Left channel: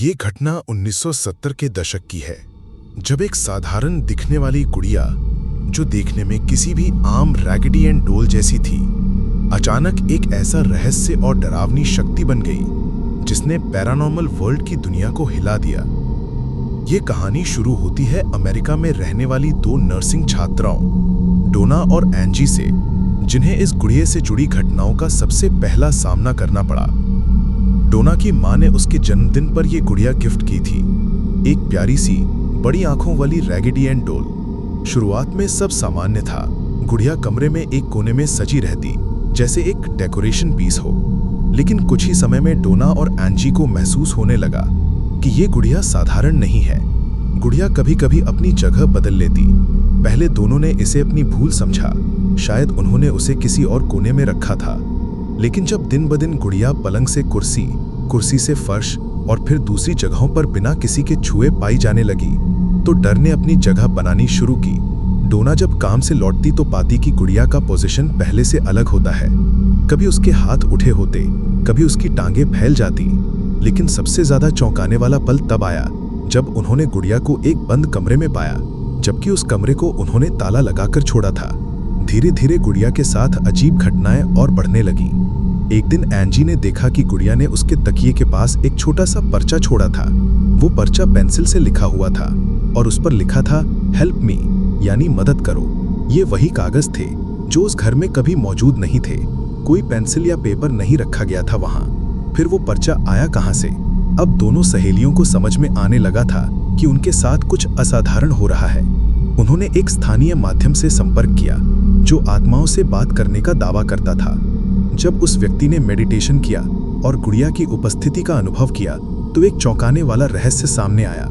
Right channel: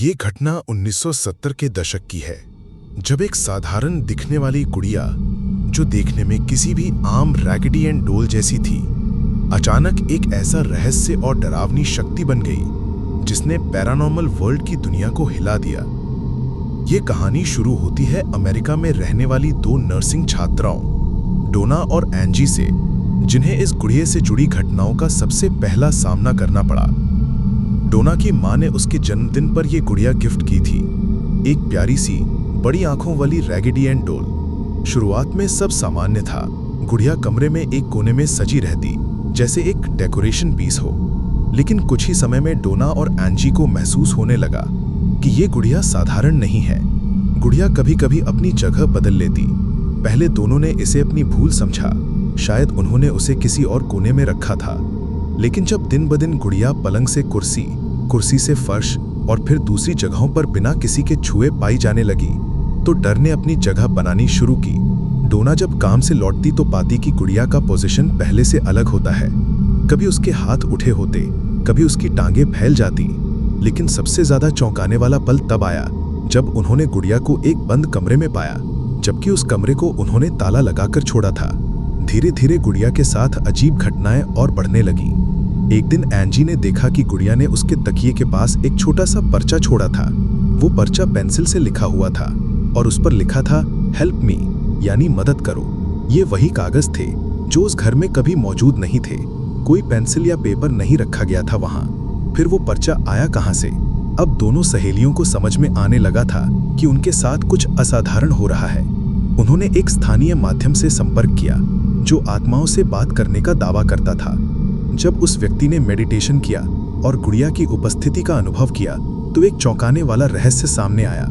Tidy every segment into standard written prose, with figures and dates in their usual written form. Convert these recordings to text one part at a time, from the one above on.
ये घटना 1970 के दशक की है, जब एक साधारण दिखने वाली गुड़िया, जो देखने में किसी भी आम रैगडी एंड डोल जैसी थी, अचानक एक ऐसा रहस्य और डरावनी शक्ति बन गई जिसने पैरानॉर्मल वर्ल्ड की दुनिया को हिला दिया। ये कहानी शुरू होती है अमेरिका में रहने वाली दो नर्सिंग छात्राओं, डोना और एंजी से, जिन्हें इस गुड़िया से जुड़ी घटनाओं का सबसे पहला सामना करना पड़ा। डोना की मां ने उसके जन्मदिन पर यह गुड़िया गिफ्ट की थी, एक प्यारी सी बड़ी आंखों वाली रैगडी एंड डोल। शुरुआत में सब सामान्य था। गुड़िया कमरे में एक कोने में सजी रहती, जैसे एक डेकोरेशन पीस हो। लेकिन कुछ ही समय में डोना और एंजी को महसूस होने लगा कि ये गुड़िया साधारण नहीं है। गुड़िया कभी कभी अपनी जगह बदल लेती। पहले दोनों ने इसे अपनी भूल समझा, शायद उन्होंने उसे किसी और कोने में रखा था। लेकिन जब दिन ब दिन गुड़िया पलंग से कुर्सी से फर्श और फिर दूसरी जगहों पर बिना किसी के छुए पाई जाने लगी, तो डर ने अपनी जगह बनानी शुरू की। डोना जब काम से लौटती तो पाती कि गुड़िया का पोजीशन पहले से अलग होता है। कभी उसके हाथ उठे होते, कभी उसकी टांगें फैल जाती। लेकिन सबसे ज्यादा चौंकाने वाला पल तब आया जब उन्होंने गुड़िया को एक बंद कमरे में पाया, जबकि उस कमरे को उन्होंने ताला लगाकर छोड़ा था। धीरे धीरे गुड़िया के साथ अजीब घटनाएं और बढ़ने लगी। एक दिन एंजी ने देखा कि गुड़िया ने उसके तकिए के पास एक छोटा सा पर्चा छोड़ा था। वो पर्चा पेंसिल से लिखा हुआ था और उस पर लिखा था हेल्प मी, यानी मदद करो। ये वही कागज थे जो उस घर में कभी मौजूद नहीं थे। कोई पेंसिल या पेपर नहीं रखा गया था वहां। फिर वो पर्चा आया कहां से? अब दोनों सहेलियों को समझ में आने लगा था कि उनके साथ कुछ असाधारण हो रहा है। उन्होंने एक स्थानीय माध्यम से संपर्क किया जो आत्माओं से बात करने का दावा करता था। जब उस व्यक्ति ने मेडिटेशन किया और गुड़िया की उपस्थिति का अनुभव किया, तो एक चौंकाने वाला रहस्य सामने आया।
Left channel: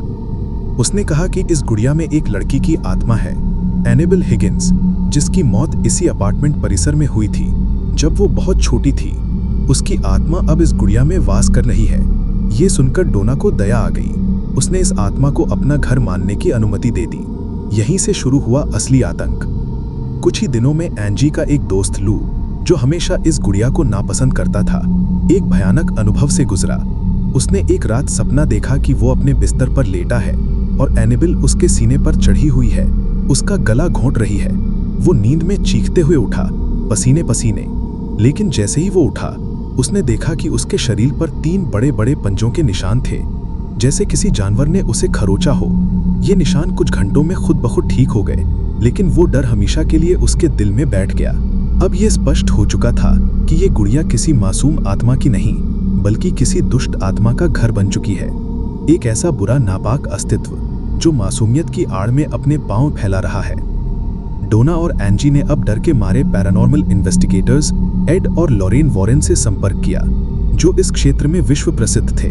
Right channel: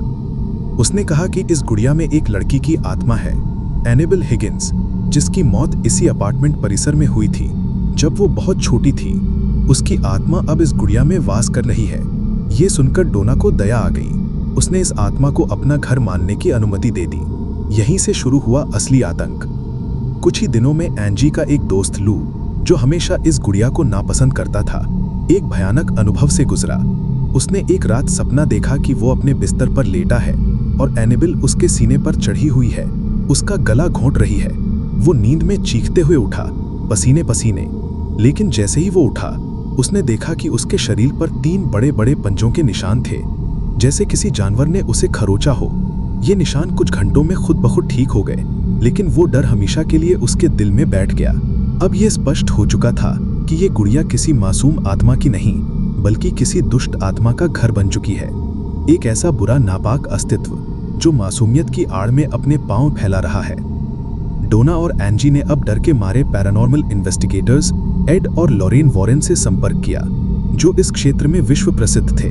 उसने कहा कि इस गुड़िया में एक लड़की की आत्मा है, एनेबल हिगिंस, जिसकी मौत इसी अपार्टमेंट परिसर में हुई थी जब वो बहुत छोटी थी। उसकी आत्मा अब इस गुड़िया में वास कर रही है। ये सुनकर डोना को दया आ गई। उसने इस आत्मा को अपना घर मानने की अनुमति दे दी। यहीं से शुरू हुआ असली आतंक। कुछ ही दिनों में एंजी का एक दोस्त लू, जो हमेशा इस गुड़िया को नापसंद करता था, एक भयानक अनुभव से गुजरा। उसने एक रात सपना देखा कि वो अपने बिस्तर पर लेटा है और एनेबल उसके सीने पर चढ़ी हुई है, उसका गला घोंट रही है। वो नींद में चीखते हुए उठा, पसीने पसीने। लेकिन जैसे ही वो उठा, उसने देखा कि उसके शरीर पर 3 बड़े बड़े पंजों के निशान थे, जैसे किसी जानवर ने उसे खरोचा हो। ये निशान कुछ घंटों में खुद ब खुद ठीक हो गए, लेकिन वो डर हमेशा के लिए उसके दिल में बैठ गया। अब ये स्पष्ट हो चुका था कि ये गुड़िया किसी मासूम आत्मा की नहीं, बल्कि किसी दुष्ट आत्मा का घर बन चुकी है। एक ऐसा बुरा नापाक अस्तित्व जो मासूमियत की आड़ में अपने पांव फैला रहा है। डोना और एंजी ने अब डर के मारे पैरानॉर्मल इन्वेस्टिगेटर्स एड और लॉरेन वॉरेन से संपर्क किया, जो इस क्षेत्र में विश्व प्रसिद्ध थे।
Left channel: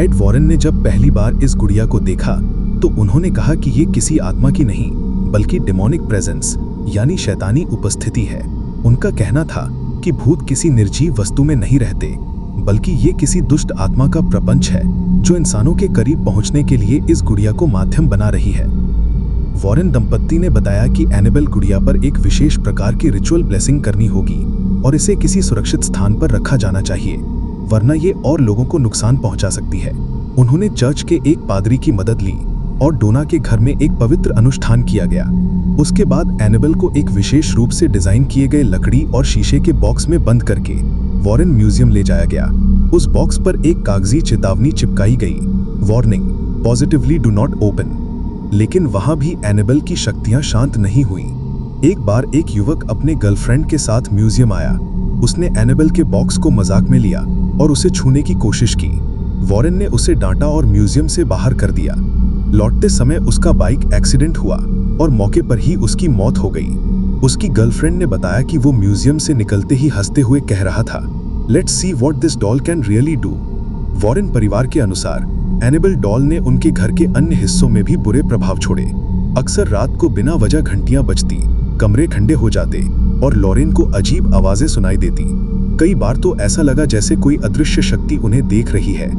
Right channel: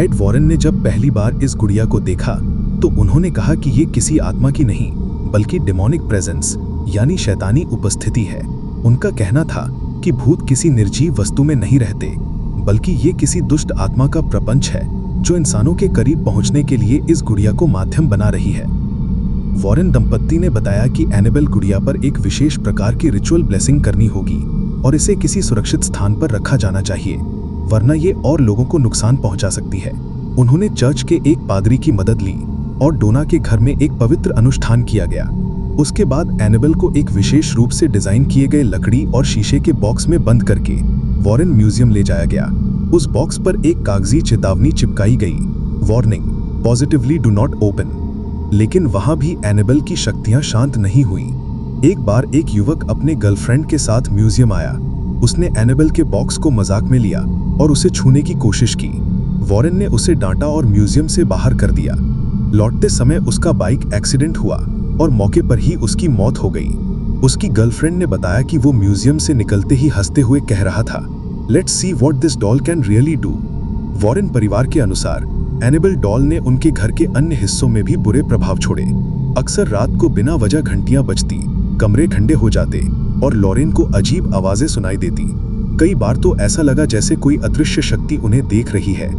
एड वॉरेन ने जब पहली बार इस गुड़िया को देखा, तो उन्होंने कहा कि ये किसी आत्मा की नहीं, बल्कि डेमोनिक प्रेजेंस, यानी शैतानी उपस्थिति है। उनका कहना था कि भूत किसी निर्जीव वस्तु में नहीं रहते, बल्कि ये किसी दुष्ट आत्मा का प्रपंच है जो इंसानों के करीब पहुंचने के लिए इस गुड़िया को माध्यम बना रही है। वॉरेन दंपत्ति ने बताया कि एनेबल गुड़िया पर एक विशेष प्रकार की रिचुअल ब्लेसिंग करनी होगी और इसे किसी सुरक्षित स्थान पर रखा जाना चाहिए, वरना ये और लोगों को नुकसान पहुंचा सकती है। उन्होंने चर्च के एक पादरी की मदद ली और डोना के घर में एक पवित्र अनुष्ठान किया गया। उसके बाद एनेबल को एक विशेष रूप से डिजाइन किए गए लकड़ी और शीशे के बॉक्स में बंद करके वॉरेन म्यूजियम ले जाया गया। उस बॉक्स पर एक कागजी चेतावनी चिपकाई गई, warning, positively do not open. लेकिन वहां भी एनेबल की शक्तियां शांत नहीं हुई। एक बार एक युवक अपने गर्लफ्रेंड के साथ म्यूजियम आया। उसने एनेबल के बॉक्स को मजाक में लिया और उसे छूने की कोशिश की। वॉरेन ने उसे डांटा और म्यूजियम से बाहर कर दिया। लौटते समय उसका बाइक एक्सीडेंट हुआ और मौके पर ही उसकी मौत हो गई। उसकी गर्लफ्रेंड ने बताया कि वो म्यूजियम से निकलते ही हंसते हुए कह रहा था, let's see what this doll can really do. Warren परिवार के अनुसार एनेबल डॉल ने उनके घर के अन्य हिस्सों में भी बुरे प्रभाव छोड़े। अक्सर रात को बिना वजह घंटियां बजती, कमरे ठंडे हो जाते और लॉरेन को अजीब आवाजें सुनाई देती। कई बार तो ऐसा लगा जैसे कोई अदृश्य शक्ति उन्हें देख रही है।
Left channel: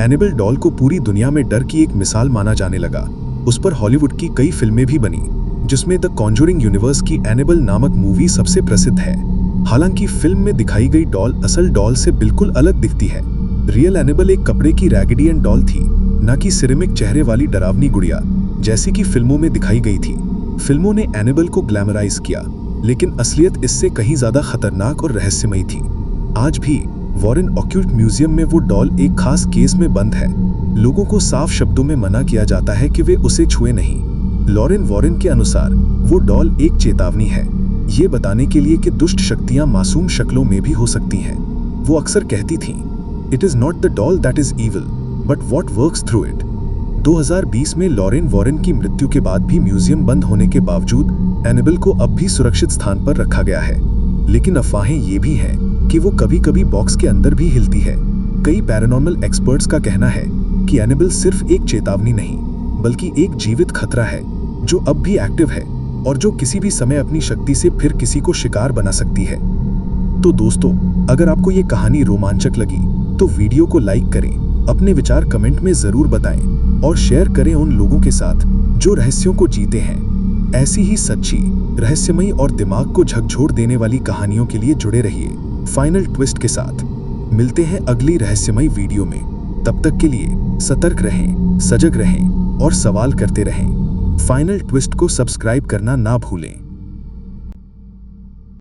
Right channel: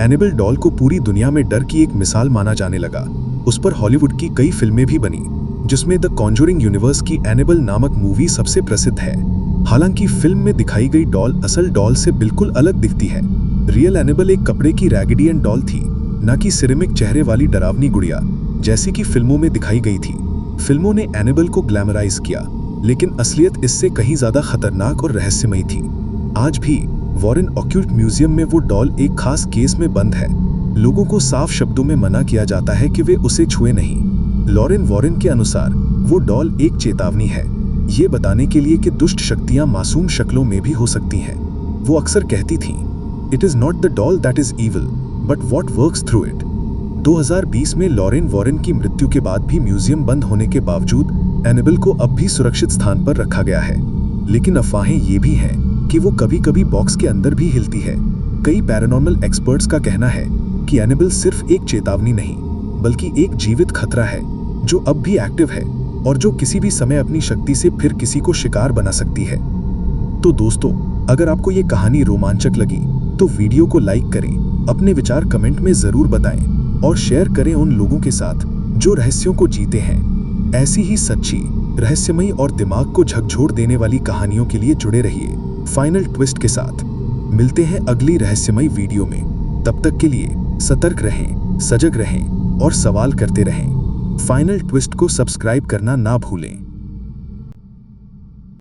एनेबल डॉल को पूरी दुनिया में डर की एक मिसाल माना जाने लगा। उस पर हॉलीवुड की कई फिल्में भी बनी, जिसमें द कॉन्जरिंग यूनिवर्स की एनेबल नामक मूवी सबसे प्रसिद्ध है। हालांकि फिल्म में दिखाई गई डॉल असल डॉल से बिल्कुल अलग दिखती है। रियल एनेबल एक कपड़े की रैगडी एंड डॉल थी न कि सिरेमिक चेहरे वाली डरावनी गुड़िया जैसी कि फिल्मों में दिखाई गई थी। फिल्मों ने एनेबल को ग्लैमराइज किया, लेकिन असलियत इससे कहीं ज्यादा खतरनाक और रहस्यमयी थी। आज भी वॉरेन ऑक्यूल्ट म्यूजियम में वो डॉल एक खास केस में बंद है। लोगों को साफ शब्दों में मना किया जाता है कि वे उसे छुए नहीं। लॉरेन वॉरेन के अनुसार वो डॉल एक चेतावनी है, ये बताने के लिए कि दुष्ट शक्तियां मासूम शक्लों में भी हो सकती हैं। वो अक्सर कहती थीं, "It is not the doll that is evil, but what works through it." 2020 में लॉरेन वॉरेन की मृत्यु के बाद भी म्यूजियम बंद होने के बावजूद एनेबल को अब भी सुरक्षित स्थान पर रखा गया है। लेकिन अफवाहें ये भी हैं कि वो कभी-कभी बॉक्स के अंदर भी हिलती है। कई पैरानॉर्मल एक्सपर्ट्स का कहना है कि एनेबल सिर्फ एक चेतावनी नहीं, बल्कि एक जीवित खतरा है जो अब भी एक्टिव है और जो किसी भी समय अपनी शक्ति से फिर किसी को शिकार बना सकती है। तो दोस्तों, अगर आपको ये कहानी रोमांचक लगी तो वीडियो को लाइक करें, अपने विचार कमेंट में जरूर बताएं और शेयर करें उन लोगों के साथ जो रहस्यों को जीते हैं। ऐसी ही सच्ची, रहस्यमयी और दिमाग को झकझोर देने वाली कहानियों के लिए जुड़े रहिए फाइनल ट्विस्ट के साथ। मिलते हैं अगली रहस्यमयी वीडियो में। तब तक के लिए सतर्क रहें, सजग रहें और सवाल करते रहें। फाइनल ट्विस्ट को सब्सक्राइब करना ना भूलें।